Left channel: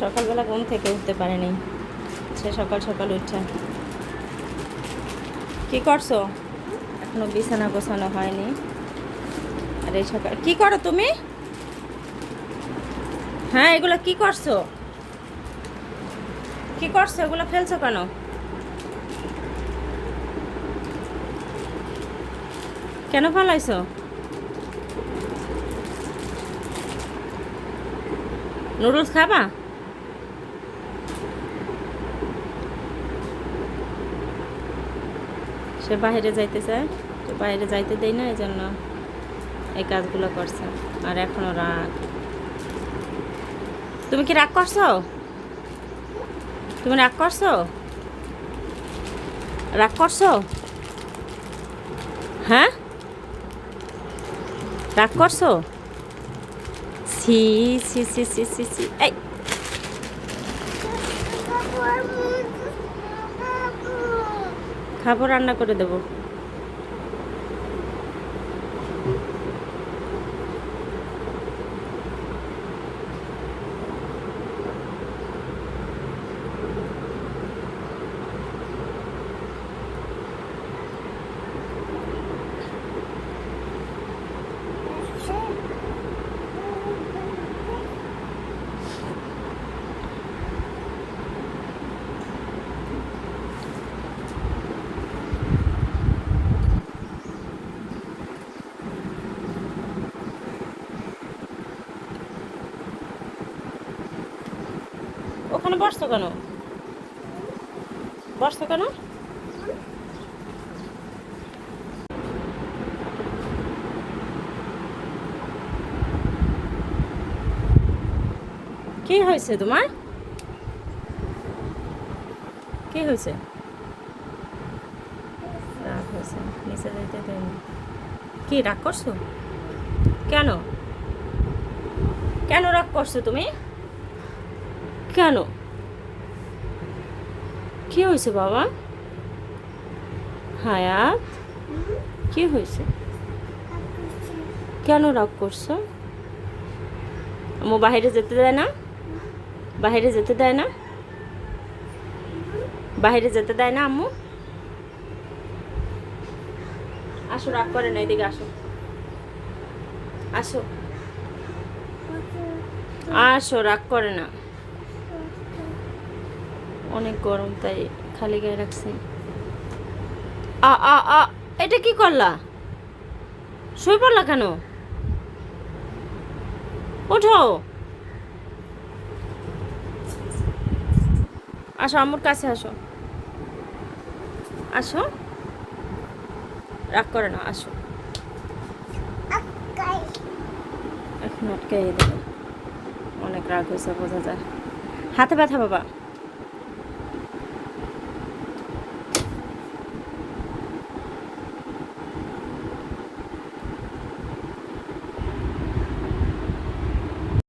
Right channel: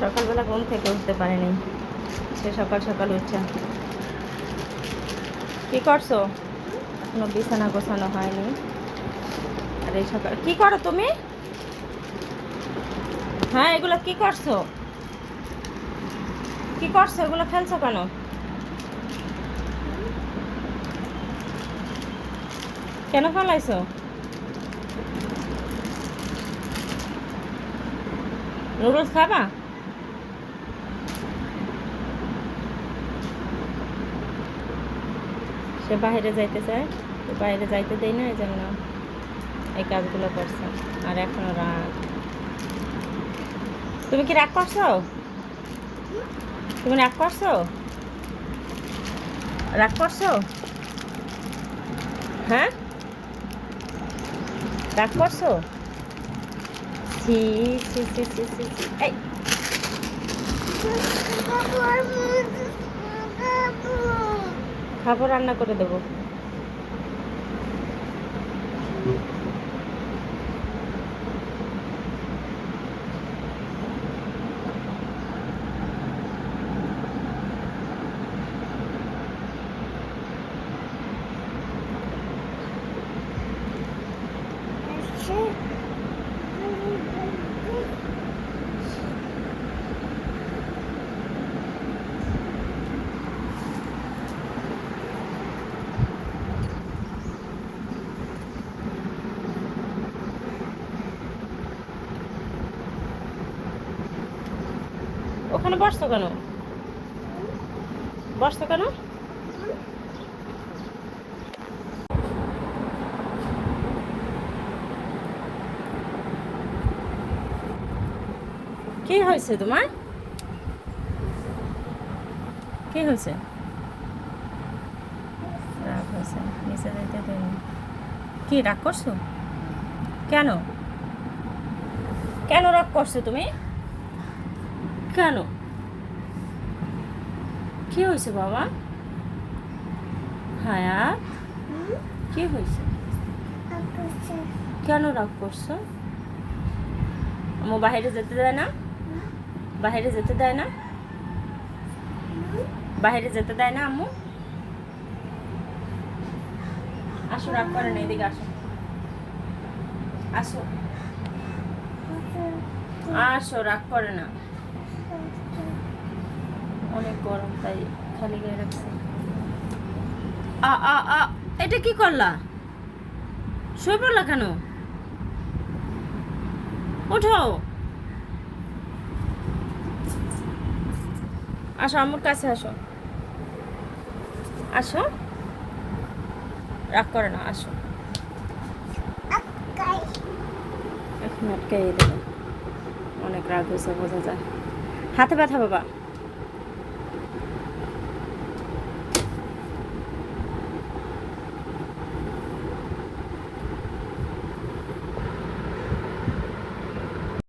সকালবেলা ঘুম থেকে উঠতে পারেনি। সে সকাল সকাল উঠছে। কি করছ? এখনও বিছানা গোছানো হয়নি। আর এই সকাল কি করো তুমি? হ্যাঁ এগুলো কি করছ? কি করছ? এগুলো ফেলছো কেন? কেন ফেলাইছো? নুডলস খাবা? সে বাইরে যাইতে চায় তো বাইরে যাইতে দেই না এই জন্য এই কাজগুলো করছে। আর এখনও রাগ তুমি কি রাগ করছ? তুমি রাগ করছ? রাগ করছ? হ্যাঁ? রাগ করছ? সি সি সি সি সি সি এই। খাবার রান্না করে দেবো। ওখানে বসতো কেন? বসতো কেন? কি হয়েছে তোমার? কি হয়েছে? রাগ হয়েছে, নিচে যাইতে দেয়নি। কি, রাগ করছ? কেন? কেন রাগ করছ তুমি? কেন? কি হয়েছে বাবা? হায়াত? কি হয়েছে? কেন রাগ করছ? আম্মু বাইরে যেতে দেয় না? বাইরে যেতে দেয় না? বাইরে যেতে দেয় না আম্মু? আসো, রাগ করে না এদিকে আসো। আসো। আসো, রাগ করে না। অনেক গরম, তাই খালি গায়ে রাখছি। আ আ আ, এটা কি করলা? শুয়ে পড়লা কেন? ওঠো। আসো আমার কাছে আসো। আসো। রাগ করে না, আসো। এখন আটকাই দেবে। অনেক রাগ হয়েছে, বোঝা যায়। হাতে ব্যথা বাবা।